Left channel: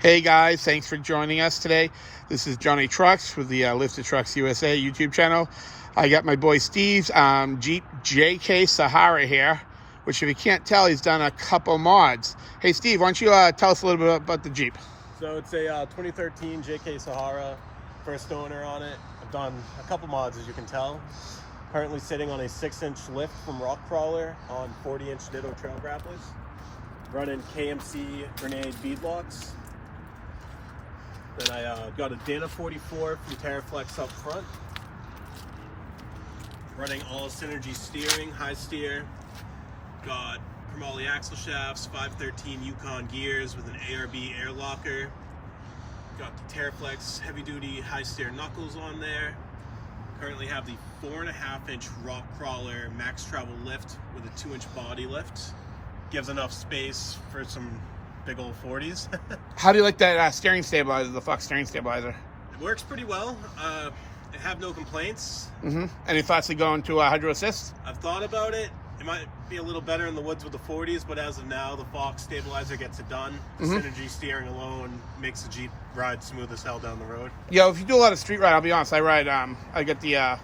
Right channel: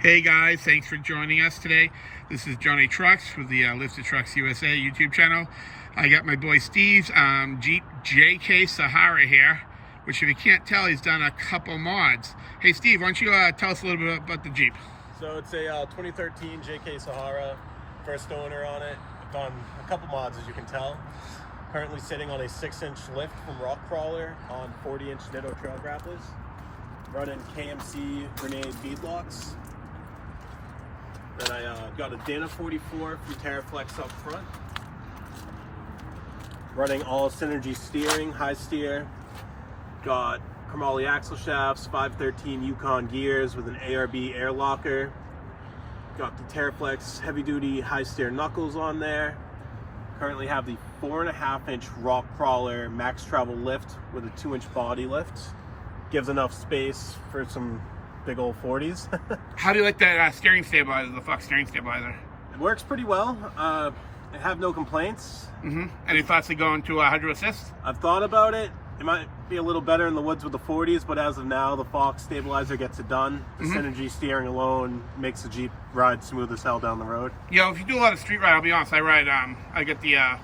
Hey guys, thanks for joining us today. This is Johnny Trucks with the Lifted Trucks USA YouTube channel. I got my boy Steve's Jeep JK Sahara here, which if you can't tell, he's done a couple mods. Hey Steve, why don't you tell us a little bit about the Jeep? So it's a 2013 JK Sahara, first owner on it. I've done a couple mods, as you can tell. Currently sitting on a 6-inch lift from Rock Crawler on 40-inch Ditto trail grapplers. Running KMC grenade beadlocks. Then I got a Dana 44 from Terraflex up front. Running all Synergy steering, high steer. Got chromoly axle shafts, 513 Yukon gears with an ARB air locker. Got the Terraflex heavy duty high steer knuckles on there. Currently have the 4.5-inch Rock Crawler max travel lift with a 2-inch body lift. Gives enough space for some big old 40s. How do you like that steering stabilizer, the Fox steering stabilizer? It works pretty well. I have no complaints. Any thoughts of going to hydro assist? I've thought about it. It might be a little better in the woods with the 40s, but as of now, the Fox stabilizer gets it done. The Synergy steering alone makes the Jeep ride smooth as hell down the road. Yeah, if you do a lot of street ride, I'll be honest, I ride, I get the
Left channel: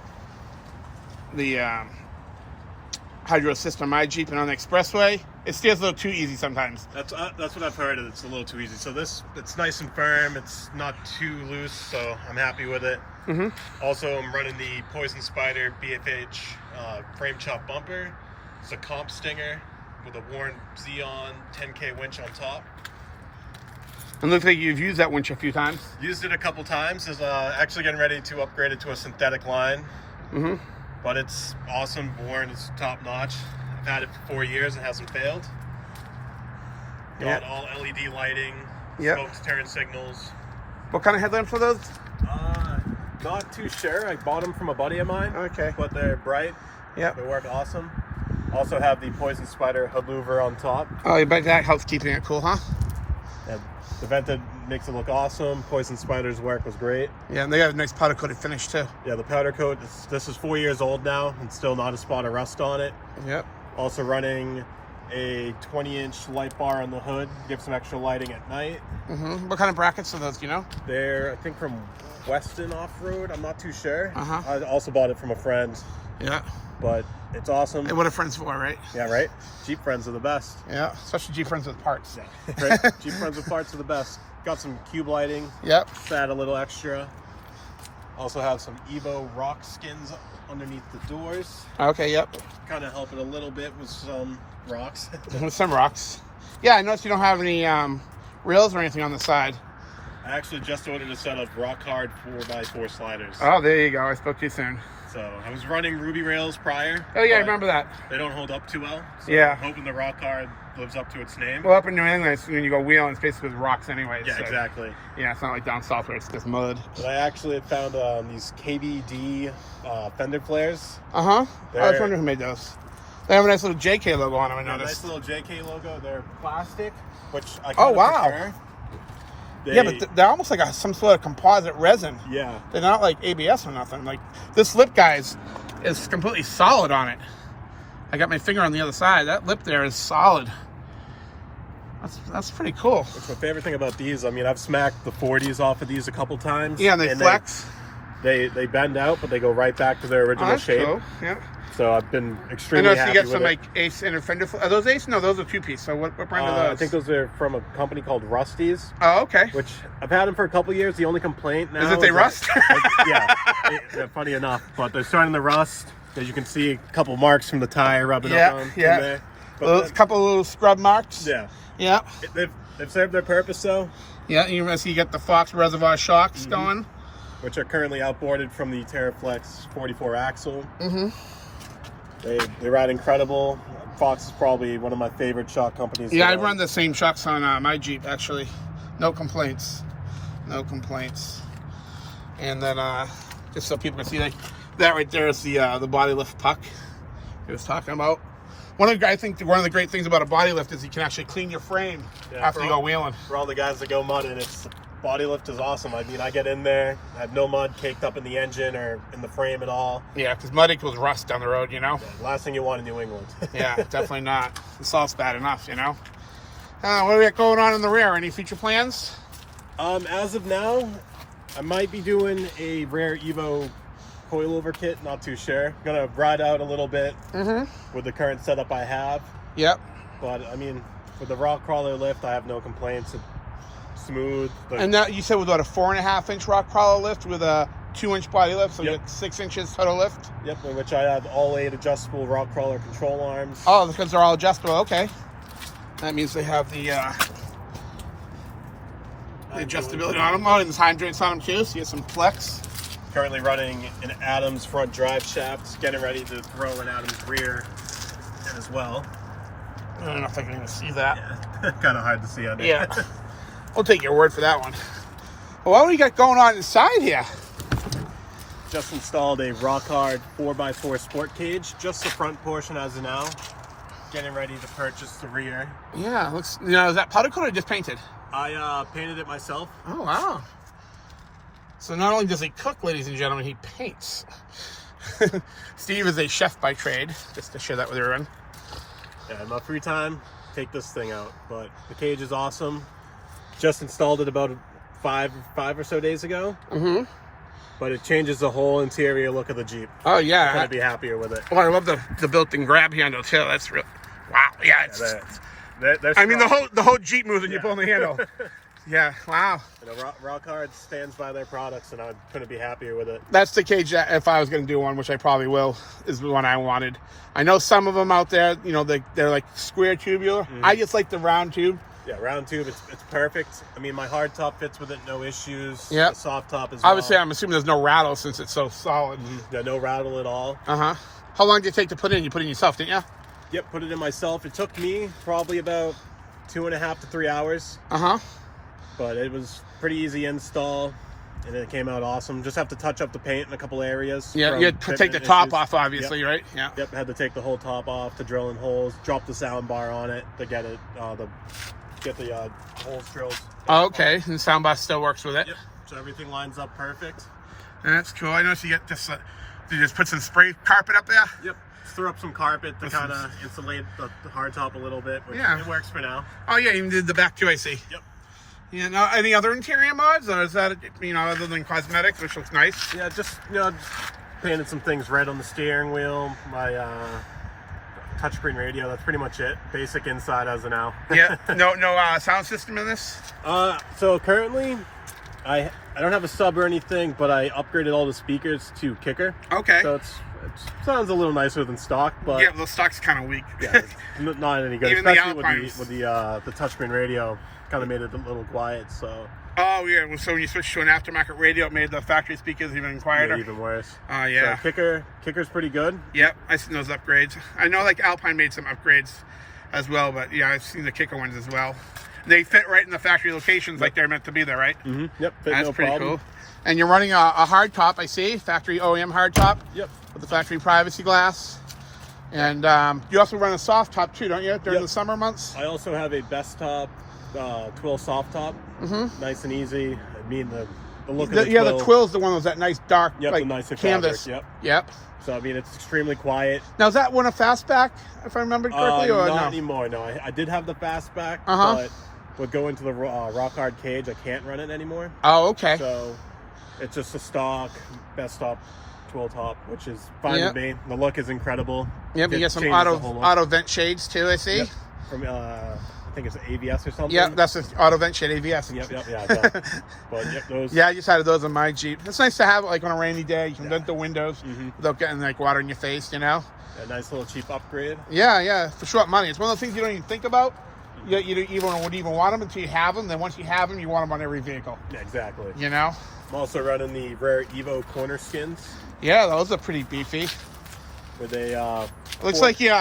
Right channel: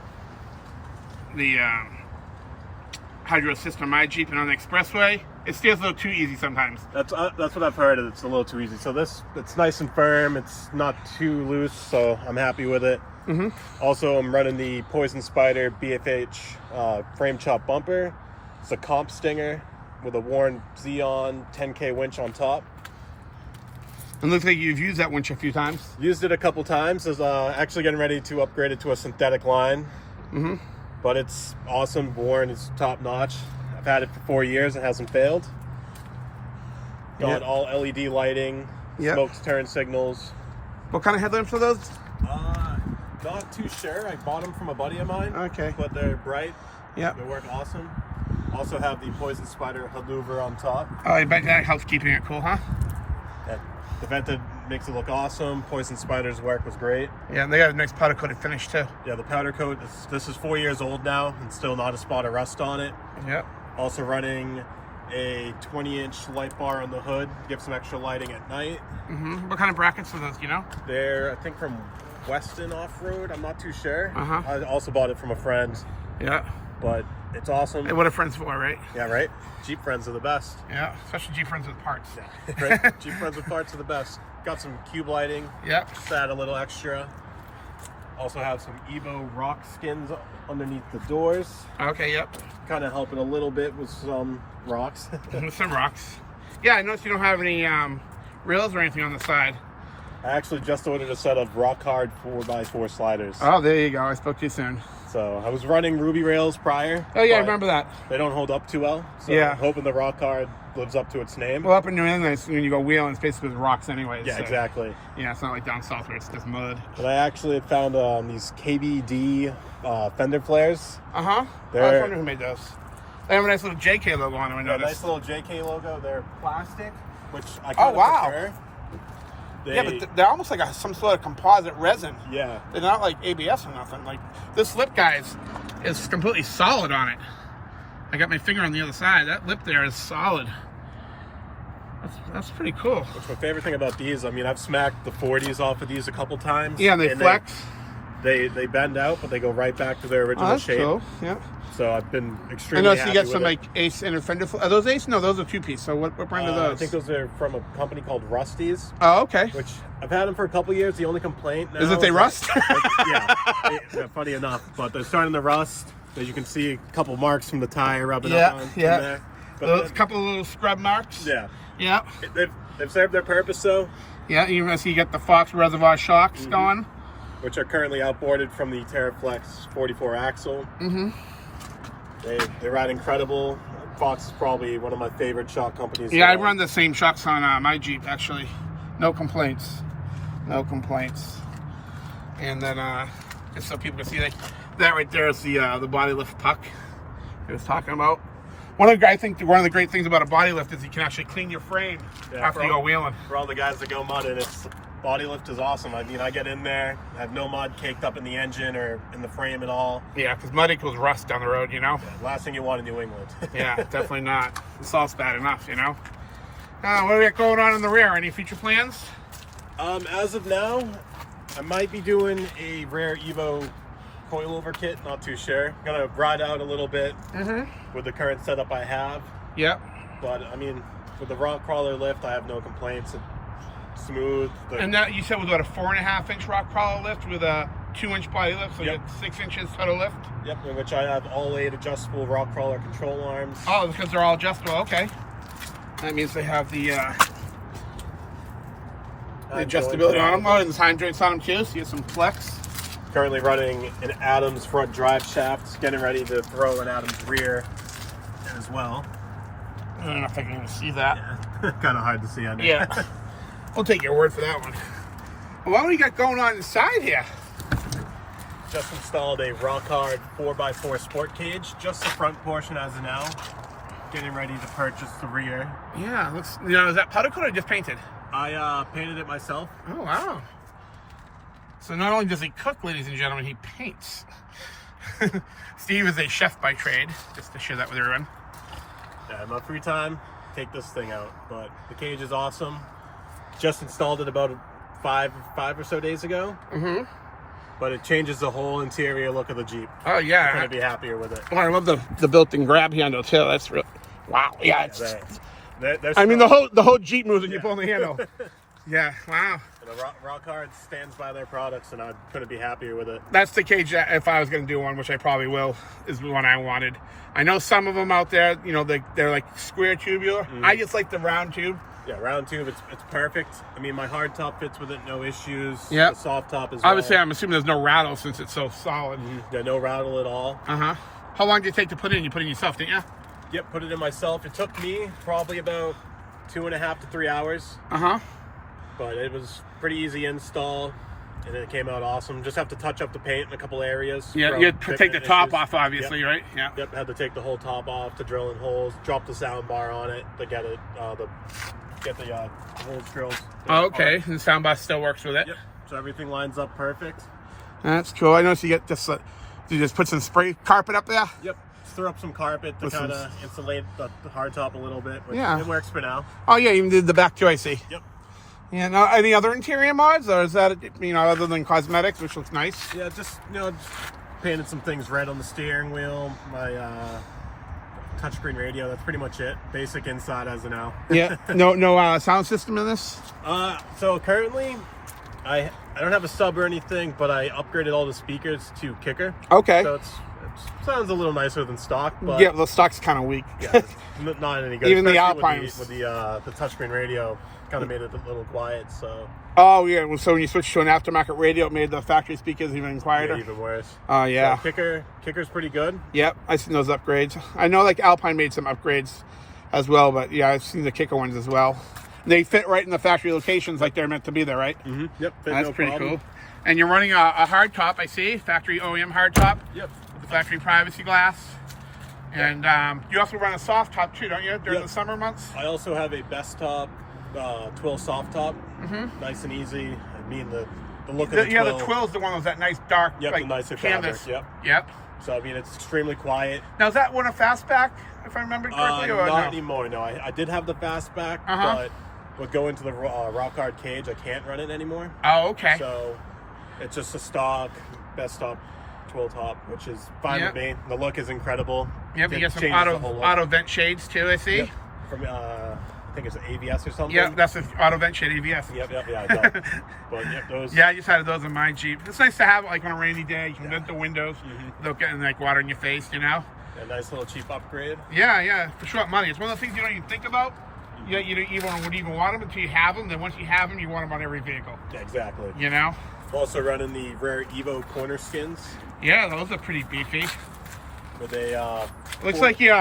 hydro assist on my Jeep and on the expressway. It steers a little too easy sometimes. That's what I've heard. It's a little too easy. So it's nice and firm. It's not too loose, so I'm happy with it. Also, I'm running the Poison Spider BFH frame chop bumper. It's a comp stinger with a Warren Xeon 10K winch on top. It looks like you've used that winch a few times. Used it a couple times. Is actually getting ready to upgrade it to a synthetic line. But it's awesome. Warren is top notch. I've had it for 4 years. It hasn't failed. Got all LED lighting, smoked turn signals. What kind of headlamps are those? Not too sure. I bought them from a buddy of mine. Okay. But they're bright. Yeah. They work awesome. Also have the Poison Spider hood louver on top. Oh, I bet that helps keeping it cool, huh? And the vented makes it look awesome. Poison Spider's work was great. Yeah, and they got a nice powder coated finish too. Yeah, the powder coat, this is 4 years old now and still not a spot of rust on it. Yep. Also running a 20-inch light bar on the hood, give some extra lighting at night. What kind of brackets are those, do you know? They're, I think, from Weston Off-Road. I'm not too sure. Uh-huh. I also bought it from a friend. Yeah. But it's awesome. Hey, what are friends for, right? Yeah, right? Jeep friends are the best. Yeah, especially Jeep friends with parts. Right? Jeep friends with parts are the best. Got some cube lighting. Yep. Just add a little extra. Also have some Evo rock skins underneath the doors. Okay, yep. Kind of helping a little bit with some rocks. With some rocks. Yeah, I noticed you don't have any rails or anything on the side. I actually just ordered a set of rock hard 4x4 sliders. Oh, there you go. I spoke to you soon. So I was running Ruby rails prior. Oh yeah, I remember that. They don't hold up too well. So Yeah. I'm hoping the rock hard lives up to its name. Well, up in New England, when you go wheeling, it's basically with rocks anyways. Yeah, so. exactly. Yeah, it's not like down south where it's just mud. But I actually found these KBD Fender Flares. I was wondering who made those. They have a nice little JK logo on them, I A noticed. nice little JK logo. They're plastic, which I Oh, kind of wow. prefer. Yeah, but they're almost like some sort of composite resin. Yeah. They're not like ABS or nothing. Like this lip, guys, is completely solid on it. I got my finger on the other side. That lip there is solid. That's pretty cool. My favorite thing about these, I mean, I've smacked the 40s off of these a couple times. Yeah, and they flex. They bend out, but they go right back to their original That's shape. cool. Yeah. So I've been I extremely noticed happy you got with some it. like Ace and Fender. Are those Ace? No, those are two-piece. So what brand are those? I think those are from a company called Rusty's. Oh, okay. Which I've had them for a couple of years. The only complaint now Is that they rust? Yeah, funny enough, but they're starting to rust. As you can see, a couple marks from the tire rubbing up on there. A couple of little scrub marks. Yeah. Yeah. They've served their purpose though. Yeah, you see you got the Fox Reservoir Shocks going. Which are currently outboarded from the Terraflex 44 axle. They ride incredible. Fox is probably one of my favorite shock companies. Yeah, I run the same shocks on my Jeep actually. No complaints. No complaints. And then just so people can see, like that right there is the body lift puck he was talking about. I think one of the great things about a body lift is you can actually clean your frame after you go wheeling. For all the guys that go mudding, body lift is awesome. I mean, I get in there, I have no mud caked up in the engine or in the frame at all. Yeah, because mud equals rust down the road, you know? Yeah, last thing you want in New England. Yeah, definitely not. The salt's bad enough, you know? What do we got going on in the rear? Any future plans? As of now, I might be doing a Rare Evo coilover kit, not too sure. Gonna ride out a little bit with the current setup I have. Yep. But I mean, with the rock crawler lift, I have no complaints. It's smooth. And that you said was about a 4.5-inch rock crawler lift with a 2-inch body lift, so you get 6 inches total lift. Yep, in which I have all 8 adjustable rock crawler control arms. Oh, because they're all adjustable. Okay. That means they have the adjustability on them. Oh, and there's time joints on them too, so you get some flex. Currently running an Adams front drive shaft, getting ready to throw an Adams rear as well. I don't know if I can even see that. Yeah. Kind of hard to see on there. Yeah. We'll take your word for that one. Well, what do you got going on inside here? Just installed a rock hard 4x4 sport cage, just the front portion as of now. Getting ready to purchase the rear. Yeah, looks, is that powder coat or just painted? I painted it myself. Oh, wow. So not only does he cook, ladies and gentlemen, he paints. Steve is a chef by trade, just to share that with everyone. Yeah, in my free time, take this thing out. But the cage is awesome. Just installed it about five or so days ago. But it changes the whole interior look of the Jeep. Oh, yeah. Couldn't be happier with it. Well, I love the built-in grab handle, too. That's real. Wow. Yeah, it's... They're I mean, the whole Jeep moves when you pull on the handle. Yeah, wow. Rock Hard stands by their products, and I couldn't be happier with it. That's the cage that if I was going to do one, which I probably will, is the one I wanted. I know some of them out there, they're like square tubular. I just like the round tube. Yeah, round tube, it's perfect. I mean, my hard top fits with it, no issues. Yeah. The soft top as well. Obviously, I'm assuming there's no rattle since it's so solid. Yeah, no rattle at all. Uh-huh. How long did it take to put in? You put it in yourself, didn't you? Yep, put it in myself. It took me probably about 2.5 to 3 hours. Uh-huh. But it was pretty easy install, and it came out awesome. Just have to touch up the paint in a couple areas. Yeah, you had to take the top off, obviously, right? Yeah. Yep, had to take the whole top off to drill in holes, drop the sound bar on it to get it, get the holes drilled. Oh, okay, and the sound bar still works with it. Yep, so everything lines up perfect. That's cool. I noticed you get just, you just put some spray carpet up there? Yep, threw up some carpet to kind of insulate the hard top a little bit, which it works for now. Oh, yeah, even did the back too, I see. Yep. Yeah, now, any other interior mods, or is that, other than cosmetics, which looks nice? Yeah, just painted some things red on the steering wheel, my touchscreen radio, that's pretty much it. Basic inside as of now. Yeah, no sound system in this? So currently, I don't have a sub or anything, but I upgraded all the speakers to kicker. Okay. So it sounds a little nicer than stock, but yeah, the stock's kind of weak. Yeah, not any good. Even the Especially Alpines. with the touchscreen radio, kind of made it a little quiet. So. Oh yeah, so when you switched to an aftermarket radio, it made the factory speakers even quieter. Yeah, even worse. Oh yeah. So kicker's pretty good. Yep, I've seen those upgrades. I know like Alpine made some upgrades as well, but yeah, I've seen the kicker ones as well. They fit right in the factory locations like they're meant to be there, right? Yep. That's pretty cool. And you're running a hard top, I see, factory OEM hard top. Yep. With the factory privacy glass. And you also run a soft top too, don't you, during the summer months? I also have a best top, twill soft top. Nice and easy. I mean the look of the twill. Yeah, the twill's the one with that nice dark like nicer canvas. Fabric, Yep. So I mean it's extremely quiet. Now is that one a fastback, if I remember correctly, or not no? anymore. No, I did have the fastback, but going to the rock hard cage, I can't run it anymore. Oh, okay. So it's just a stock best top twill top, which is fine with me. The look is incredible. Yep, you get some auto vent shades too, I see. Yep. From I think it's an AVS or something. Yeah, that's an auto vent shade AVS. Yep. But those. Yeah, I just had those on my Jeep. It's nice to have it like on a rainy day. You can vent the windows without getting like water in your face, A nice little cheap upgrade. Yeah, for short money. It's one of those things you don't even think about. You wouldn't even want them until you have them. Then once you have them, you want them on every vehicle. Yeah, exactly. I'm also running the Rare Evo corner skins. Yeah, those are pretty beefy. With a looks like you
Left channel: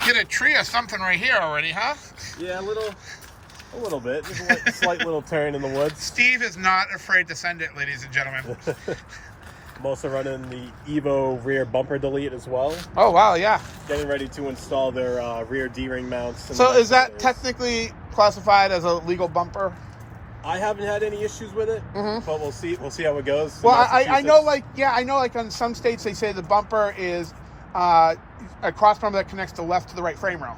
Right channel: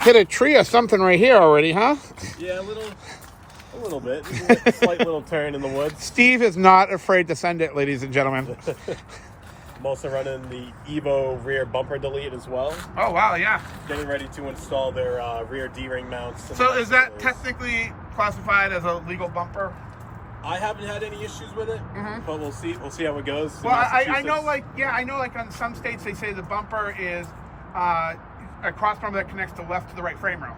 hit a tree or something right here already, huh? Yeah, a little bit. A slight little turn in the woods. Steve is not afraid to send it, ladies and gentlemen. I'm also running the Evo rear bumper delete as well. Oh wow, yeah. Getting ready to install their rear D-ring mounts. So is that technically classified as a legal bumper? I haven't had any issues with it, but we'll see. We'll see how it goes. Well, I know, like in some states they say the bumper is a cross bumper that connects the left to the right frame rail.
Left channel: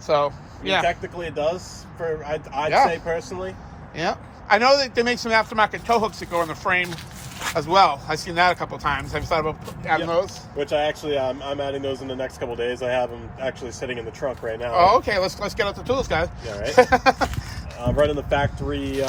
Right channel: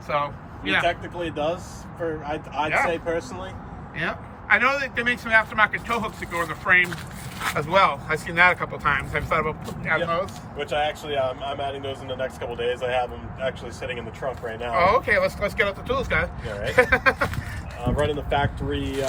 So technically it does. I'd say personally. Yeah. I know that they make some aftermarket tow hooks that go in the frame as well. I've seen that a couple times. I've thought about adding those. Which I actually, I'm adding those in the next couple of days. I have them actually sitting in the truck right now. Oh, okay. Let's get out the tools, guys. Yeah, right. Running the factory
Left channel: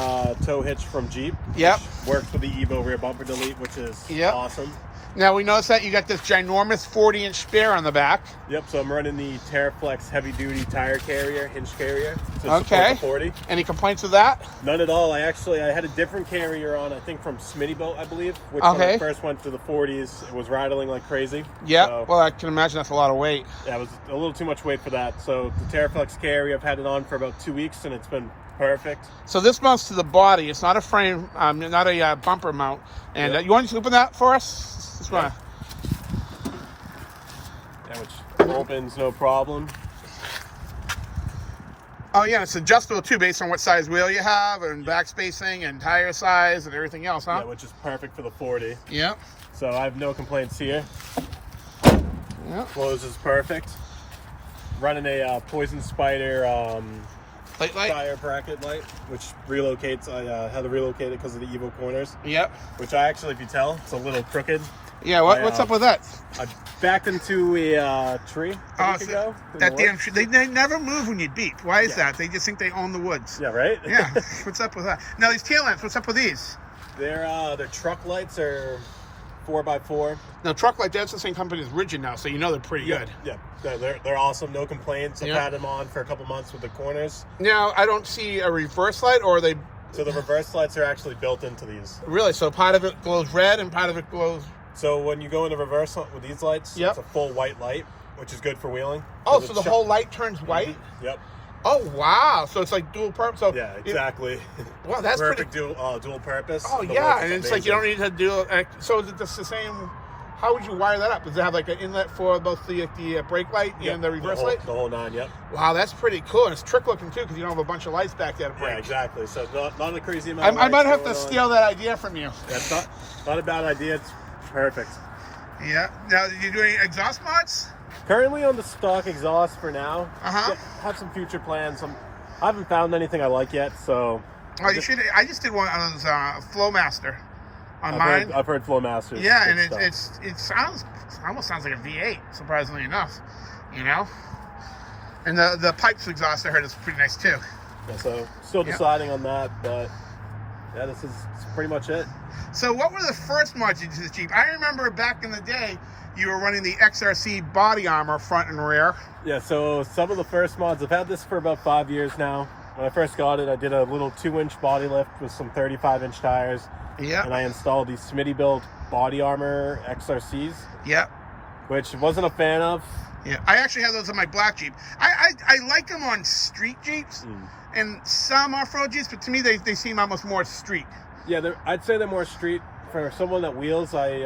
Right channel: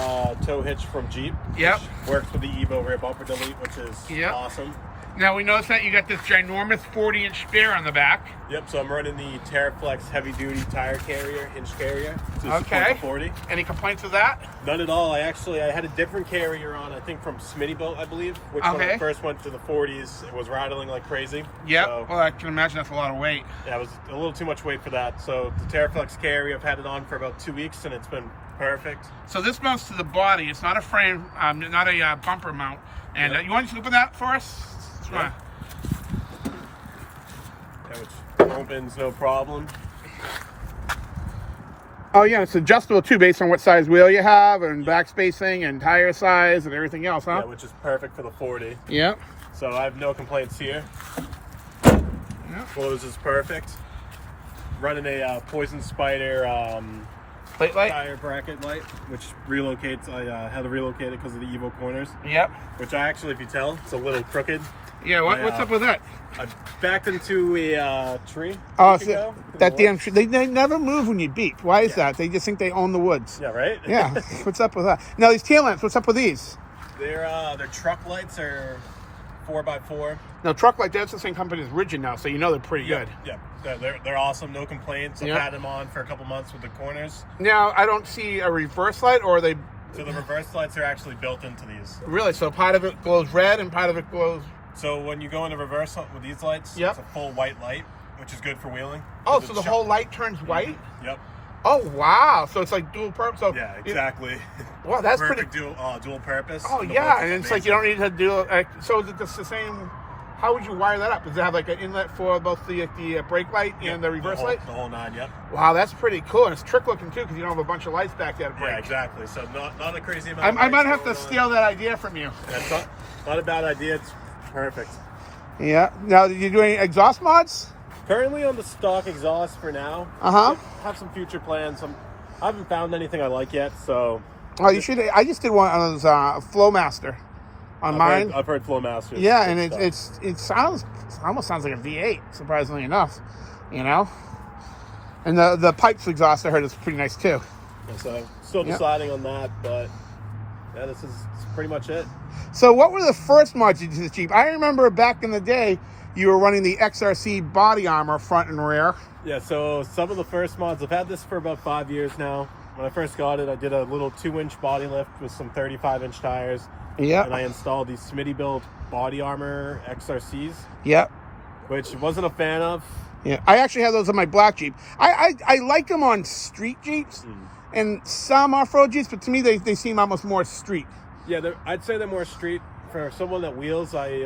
tow hitch from Jeep. Yep. Works for the Evo rear bumper delete, which is awesome. Now we noticed that you got this ginormous 40-inch spare on the back. Yep, so I'm running the TerraFlex heavy-duty tire carrier, hinge carrier, to support Okay. the 40. Any complaints with that? None at all. I had a different carrier on, I think from Smittybilt, I believe, which when I first went to the 40s, it was rattling like crazy. Yeah, so, well, I can imagine that's a lot of weight. Yeah, it was a little too much weight for that. So the TerraFlex carrier, I've had it on for about 2 weeks, and it's been perfect. So this mounts to the body. It's not a frame, not a bumper mount. And you want to open that for us? Just wanna... Yeah, which opens no problem. Oh yeah, it's adjustable too based on what size wheel you have and back spacing and tire size and everything else, huh? Yeah, which is perfect for the 40. Yeah. So I have no complaints here. Yeah. Closes perfect. Running a Poison Spider Plate light? tire bracket light, which relocates. I had to relocate it because of the Evo corners. Yep. Which I actually, if you tell, it's a little crooked. Yeah, what's up with that? I backed into a tree. Oh, so that damn tree. They never move when you beep. Why is that? They just think they own the woods. Yeah, right? Yeah. What's up with that? Now, these tail lamps, what's up with these? Their truck lights are 4x4. Now, truck light, that's the same company as Rigid now, so you know they're pretty good. Yeah, they're awesome. No complaints. I've had them on for a couple months with the corners. Now, I don't see a reverse light, or are they... So the reverse lights are actually built into these. Really? So part of it glows red and part of it glows... So when you go into reverse with these lights, it's a full white light, which is good for wheeling. Oh, so the whole light turns white? Yep. Oh, wow. So it's like dual purpose. So yeah, exactly. Well, that's perfect pretty... dual purpose. Oh, yeah. And it's like you don't need to do... So is it just the same... How would you wire that up? Does it have like an inlet for both the brake light and the reverse light? The whole nine, yep. Wow, that's pretty cool. And it's trick looking too, because you don't have a bunch of lights back there to brake. Yeah, exactly. So not a crazy amount of I might have to steal that idea from you. Not a bad idea. It's perfect. Yeah. Now, did you do any exhaust mods? Currently on the stock exhaust for now. Uh-huh. Have some future plans. I haven't found anything I like yet, so... Oh, you should... I just did one on those Flowmaster on mine. I've heard Flowmaster. Yeah, and it almost sounds like a V8, surprisingly enough, you know? And the pipes exhaust, I heard, is pretty nice too. Yeah, so still deciding on that, but yeah, this is pretty much it. So what were the first mods you did to the Jeep? I remember back in the day, you were running the XRC body armor front and rear. Yeah, so some of the first mods, I've had this for about 5 years now. When I first got it, I did a little 2-inch body lift with some 35-inch tires. Yeah. And I installed these Smittybilt body armor XRCs. Yep. Which I wasn't a fan of. Yeah, I actually have those on my black Jeep. I like them on street Jeeps and some off-road Jeeps, but to me they seem almost more street. Yeah, I'd say they're more street. For someone that wheels, I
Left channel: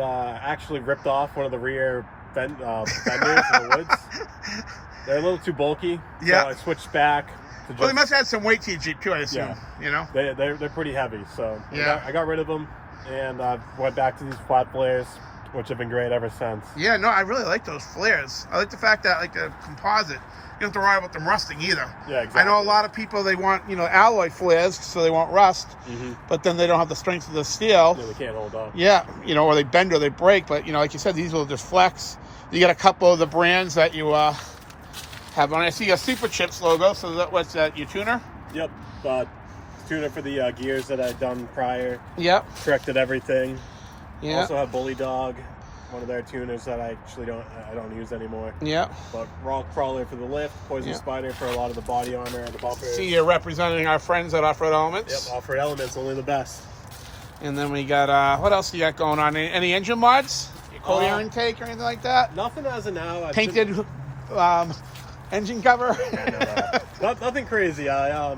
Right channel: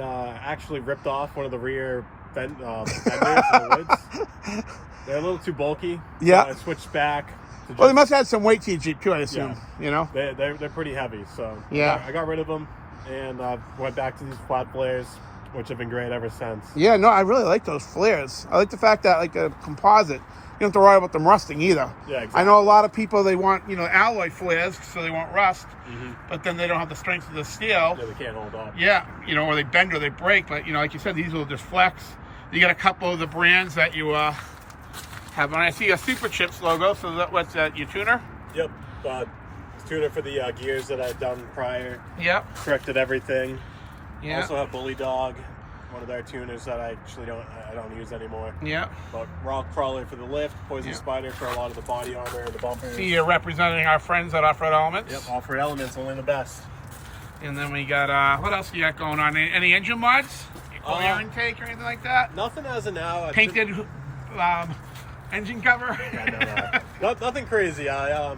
actually ripped off one of the rear fenders in the woods. They're a little too bulky. Yeah. So I switched back. Well, they must have some weight to your Jeep too, I assume. Yeah. You know? They're pretty heavy, so yeah. I got rid of them, and I went back to these flat flares, which have been great ever since. Yeah, no, I really like those flares. I like the fact that, like, the composite, you don't have to worry about them rusting either. Yeah, exactly. I know a lot of people, they want, alloy flares so they won't rust, but then they don't have the strength of the steel. Yeah, they can't hold up. Yeah, or they bend or they break, but, like you said, these will just flex. You got a couple of the brands that you have on. I see a Super Chips logo, so what's that, your tuner? Yep, tuner for the gears that I've done prior. Yep. Corrected everything. Yeah. Also have Bully Dog, one of their tuners that I actually don't use anymore. Yeah. But Raw Crawler for the lift, Poison Spider for a lot of the body armor, the bumpers. See, you're representing our friends at Off-Road Elements. Yep, Off-Road Elements, only the best. And then we got, what else you got going on? Any engine mods? Your cold air intake or anything like that? Nothing as of now. Painted engine cover? Nothing crazy. I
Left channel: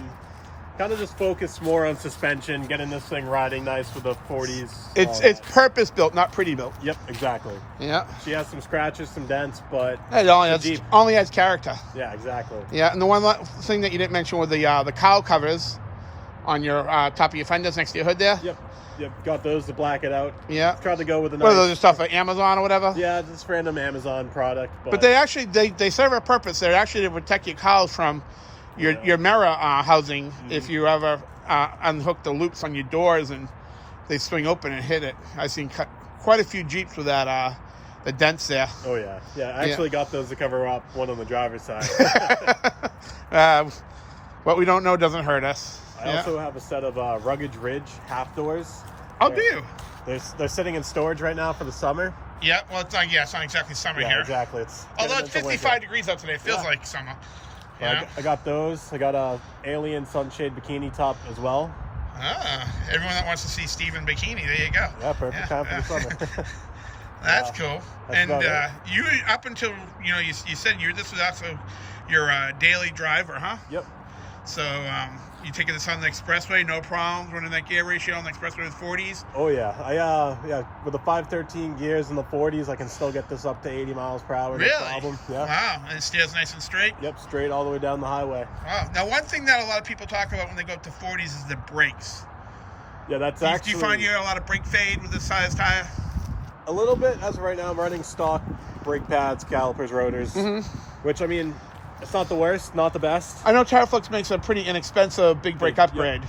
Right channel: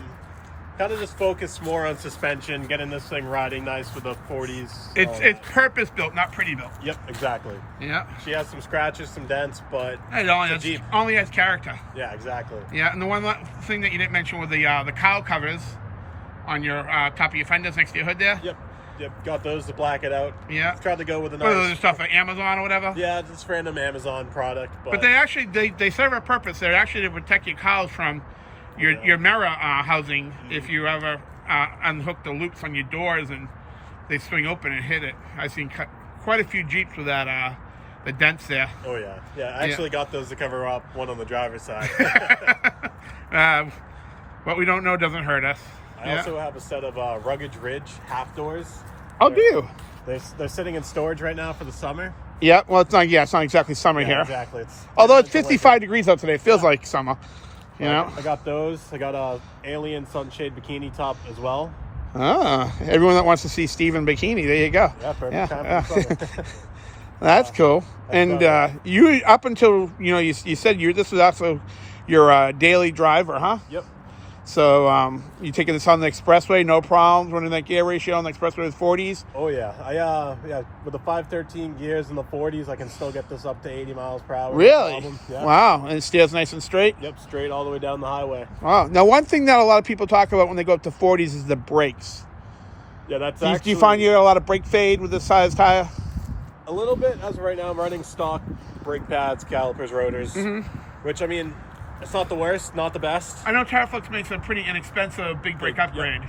kind of just focus more on suspension, getting this thing riding nice with the 40s. It's purpose built, not pretty built. Yep, exactly. Yeah. She has some scratches, some dents, but it only has character. Yeah, exactly. Yeah, and the one thing that you didn't mention was the cowl covers on your top of your fenders next to your hood there. Yep. Got those to black it out. Yeah. Tried to go with What are those stuff at Amazon or whatever? Yeah, just random Amazon product. But they actually they serve a purpose. They're actually to protect your cowls from your mirror housing if you ever unhook the loops on your doors and they swing open and hit it. I've seen quite a few Jeeps with that, the dents there. Oh yeah, yeah. I actually got those to cover up one on the driver's side. What we don't know doesn't hurt us. I also have a set of Rugged Ridge half doors. Oh, do you? They're sitting in storage right now for the summer. Yeah, well, it's not. Yeah, it's not exactly summer here. Exactly. Although it's 55 degrees out today, it feels like summer. You know. I got those. I got a Alien Sunshade bikini top as well. Ah, everyone that wants to see Steve in bikini, there you go. Yeah, perfect. Yeah. That's cool. And you, up until you said this was also your daily driver, huh? Yep. So you taking this on the expressway, no problem, running that gear ratio on the expressway with 40s? Oh yeah, with the 513 gears in the 40s, I can still get this up to 80 miles per hour. Really? Yep. Wow, and it steers nice and straight? Yep, straight all the way down the highway. Wow. Now, one thing that a lot of people talk about when they go up to 40s is the brakes. Yeah, that's do you find you get a lot of brake fade with this size tire? A little bit. As of right now, I'm running stock brake pads, calipers, rotors, which, I mean, it's not the worst, not the best. I know Terraflex makes a pretty inexpensive big brake upgrade.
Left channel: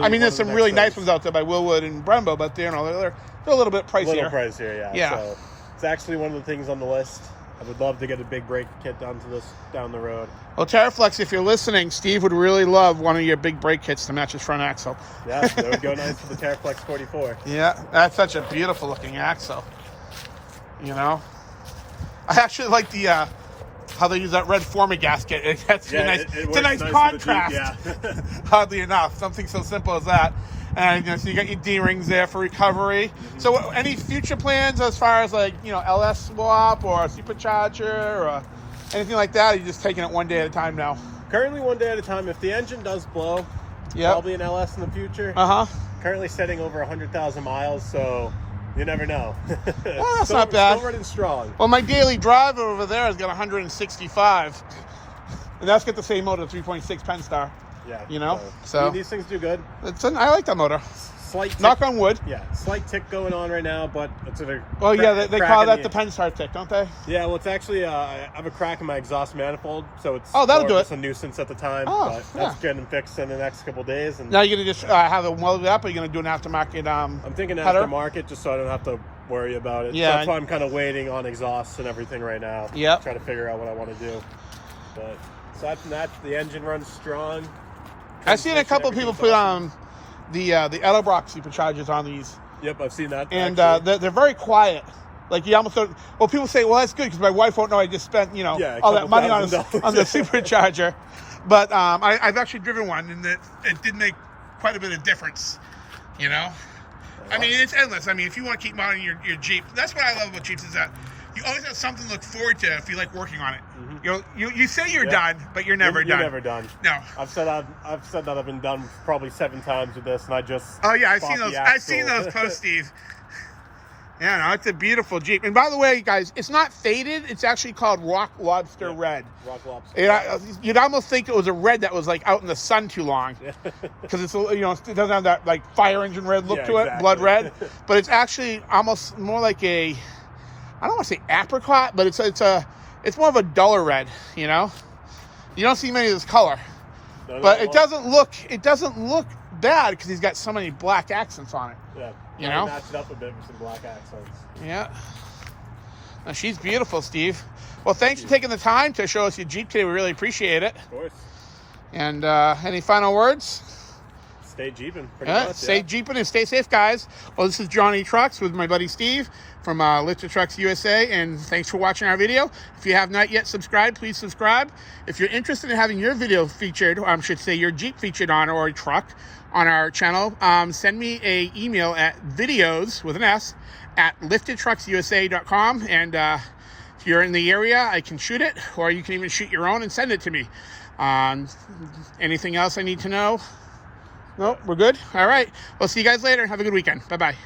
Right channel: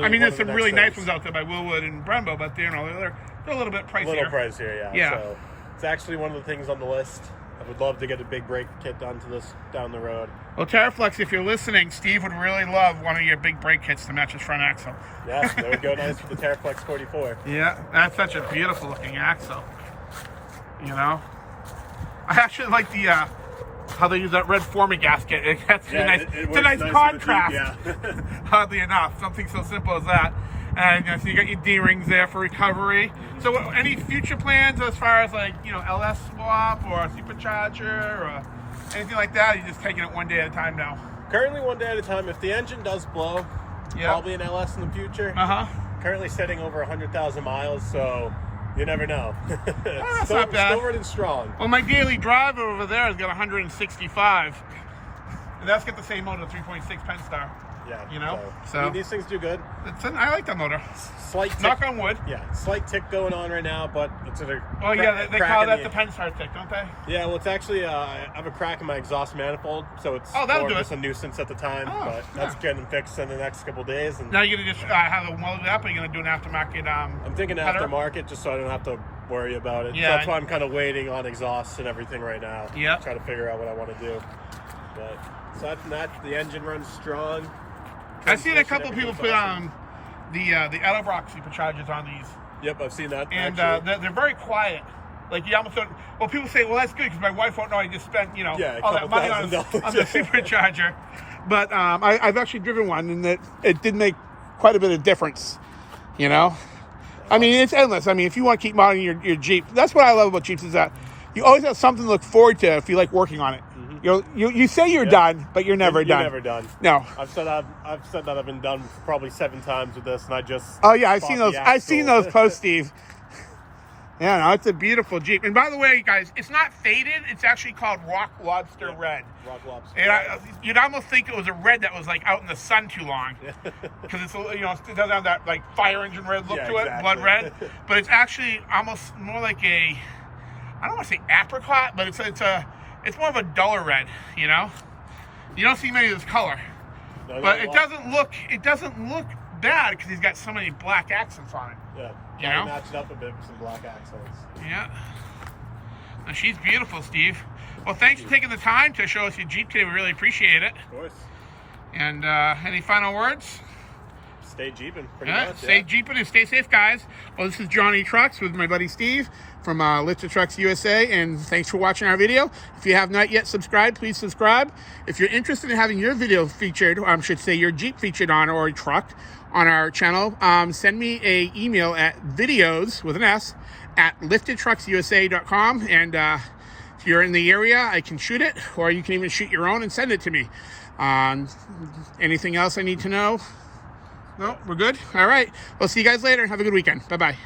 I mean, there's some really nice ones out there by Willwood and Brembo, but they're a little bit pricier. A little pricier, yeah. So it's actually one of the things on the list. I would love to get a big brake kit down the road. Well, Terraflex, if you're listening, Steve would really love one of your big brake kits to match his front axle. Yeah, that would go nice with the Terraflex 44. Yeah, that's such a beautiful looking axle. I actually like the how they use that red Forma gasket. It's a nice contrast. Jeep, yeah. Oddly enough, something so simple as that. And so you got your D-rings there for recovery. So any future plans as far as LS swap or a supercharger or anything like that? Or are you just taking it one day at a time now? Currently one day at a time. If the engine does blow, probably an LS in the future. Currently setting over 100,000 miles, so you never know. Well, that's not bad. Still running strong. Well, my daily driver over there has got 165. And that's got the same motor, 3.6 Pennstar. Yeah. So these things do good. I like that motor. Slight tick, knock on wood. Yeah, slight tick going on right now, but it's a they call that the Pennstar tick, don't they? Yeah, well, it's actually I have a crack in my exhaust manifold, so it's that'll do it. A nuisance at the time. But that's getting fixed in the next couple of days. And now you're gonna just have it welded up, or you're gonna do an aftermarket? I'm thinking aftermarket, just so I don't have to worry about it. Yeah, so that's why I'm kind of waiting on exhaust and everything right now. Yeah, trying to figure out what I want to do. Aside from that, the engine runs strong. I've seen a couple of people put the Edelbrock superchargers on these. Yep, I've seen that. And they're very quiet. Like you almost don't. Well, people say, "Well, that's good because my wife won't know I just spent all that money on the supercharger." But I've actually driven one, and it did make quite a bit of difference. I mean, it's endless. I mean, if you want to keep modding your Jeep, that's what I love about Jeeps is that you always have something to look forward to if you like working on it. You say you're done, but you're never done. You're never done. No. I've said that I've been done probably 7 times with this, and I just. Oh yeah, I've seen those posts, Steve. Yeah, no, it's a beautiful Jeep. And by the way, guys, it's not faded. It's actually called Rock Lobster Red. Rock Lobster. You'd almost think it was a red that was like out in the sun too long, because it's it doesn't have that like fire engine red look to it, blood red. But it's actually almost more like I don't want to say apricot, but it's more of a duller red. You don't see many of this color, but it doesn't look bad because he's got so many black accents on it. Yeah, matched up a bit with some black accents. Yeah. Now, she's beautiful, Steve. Well, thanks for taking the time to show us your Jeep today. We really appreciate it. Of course. And any final words? Stay Jeeping. Stay Jeeping and stay safe, guys. Well, this is Johnny Trucks with my buddy Steve from Lifted Trucks USA, and thanks for watching our video. If you have not yet subscribed, please subscribe. If you're interested in having your video featured, or I should say your Jeep featured on, or a truck on our channel, send me an email at videos with an S at liftedtrucksusa.com, and if you're in the area, I can shoot it, or you can even shoot your own and send it to me. Anything else I need to know? No, we're good? All right. We'll see you guys later. Have a good weekend. Bye-bye.